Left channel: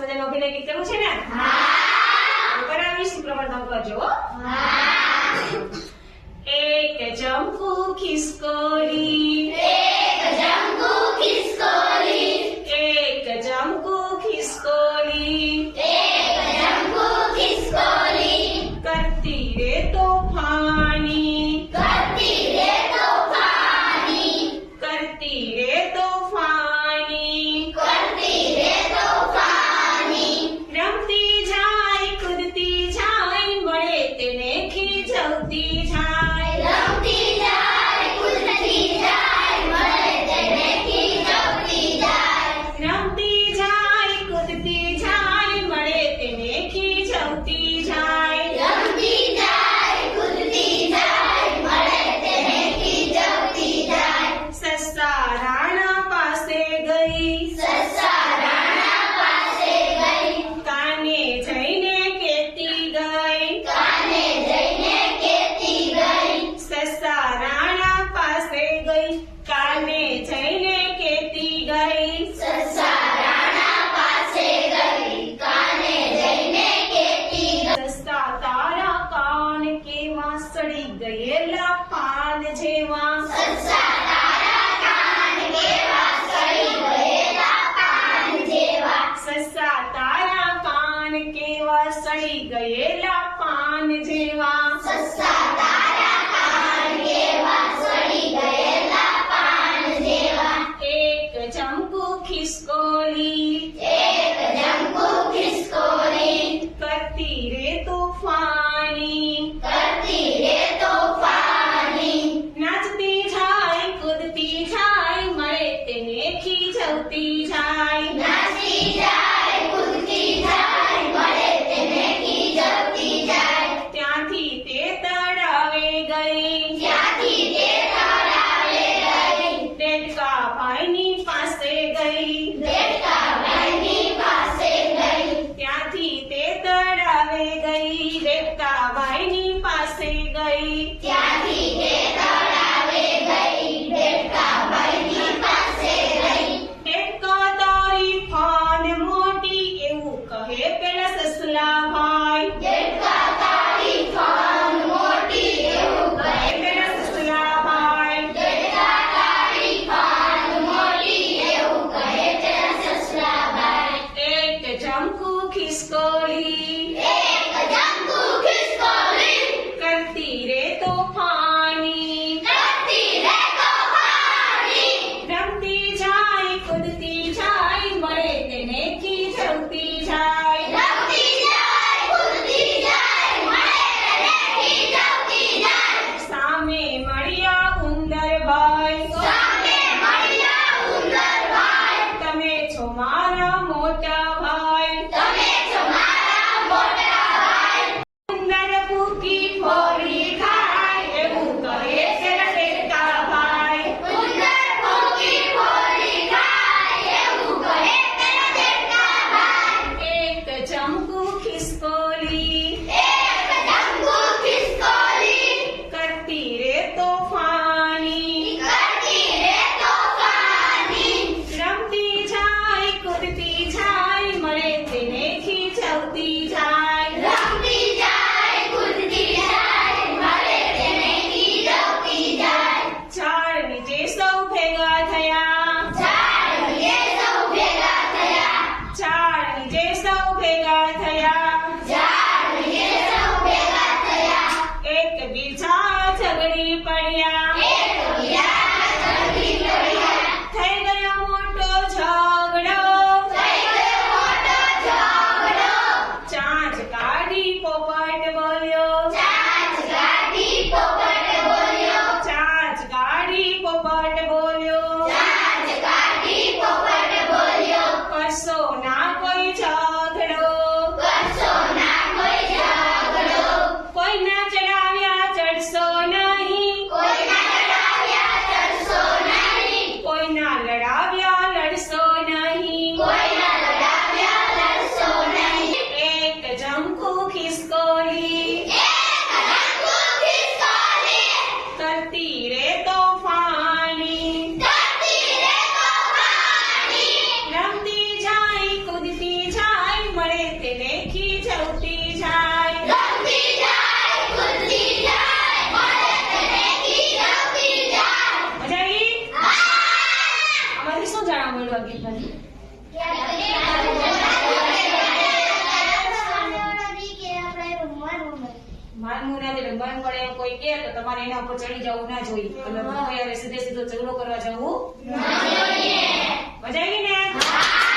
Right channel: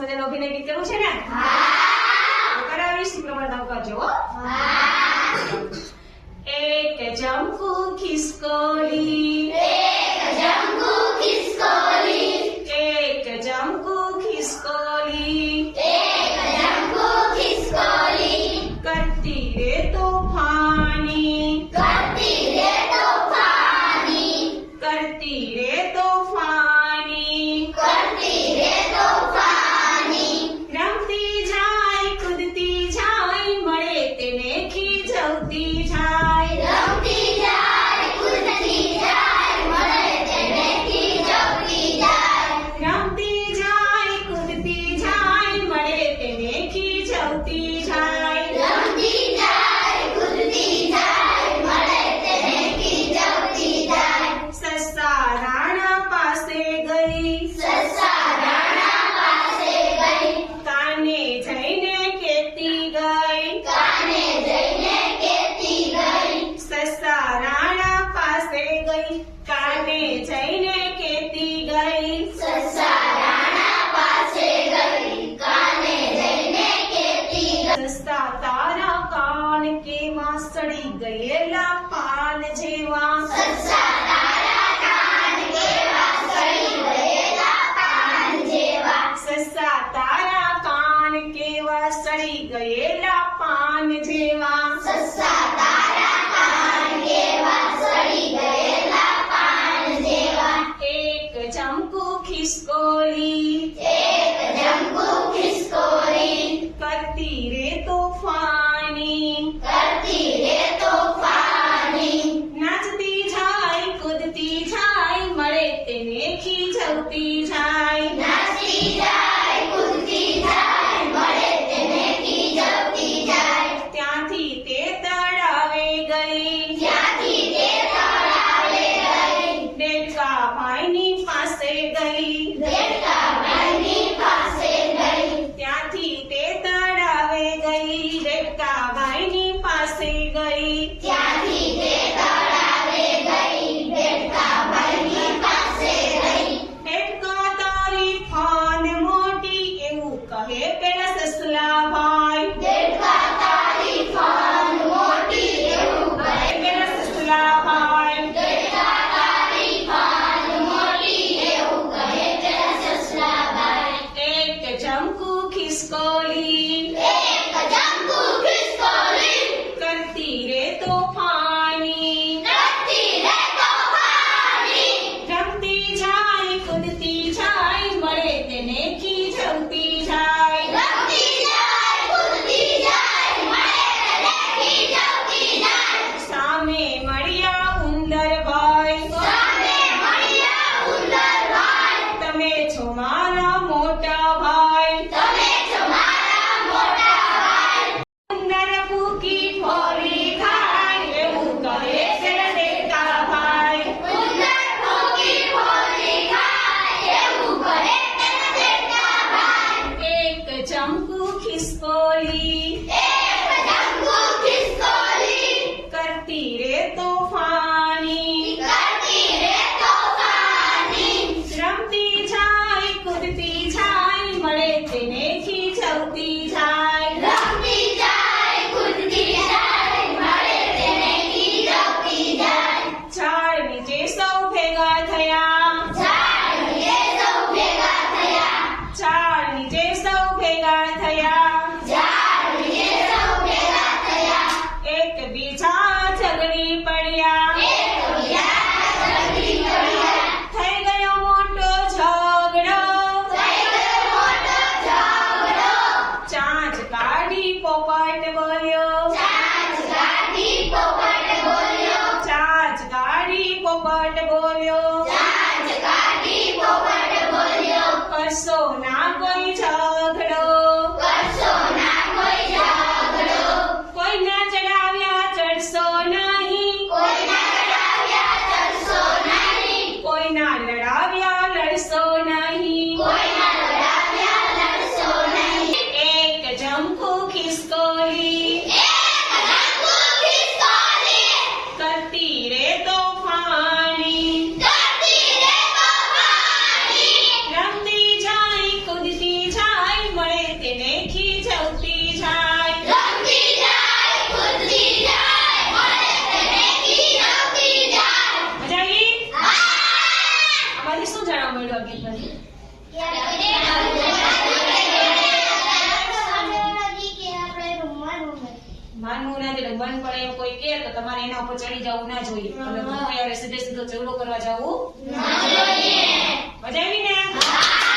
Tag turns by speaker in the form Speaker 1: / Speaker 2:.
Speaker 1: સરસ મજાનો અભિનય કીધેલું છે ને? કરાવીશ પ્રવર્તન કરજો એક જમકુ ખિસકો सड़ी गयेला पान ससा तारा कान केवा सड़ी गयेला पान जेवा. ससा एक चमकू खिसको Hey.
Speaker 2: રખડિયા
Speaker 1: થઈ ગયો મોટો ઝઘડો
Speaker 2: થઈ ગયો મોટો ઝઘડો
Speaker 1: ચાંચ કાઢી પોપટ માનવું ના જોઈએ મન પણ એમ કોઈ કે તમારે એના ઉપર ચડી જવું ના જોઈએ હવે સીધે સીધો ઝઘડો કરવા જવું મજા આવી ને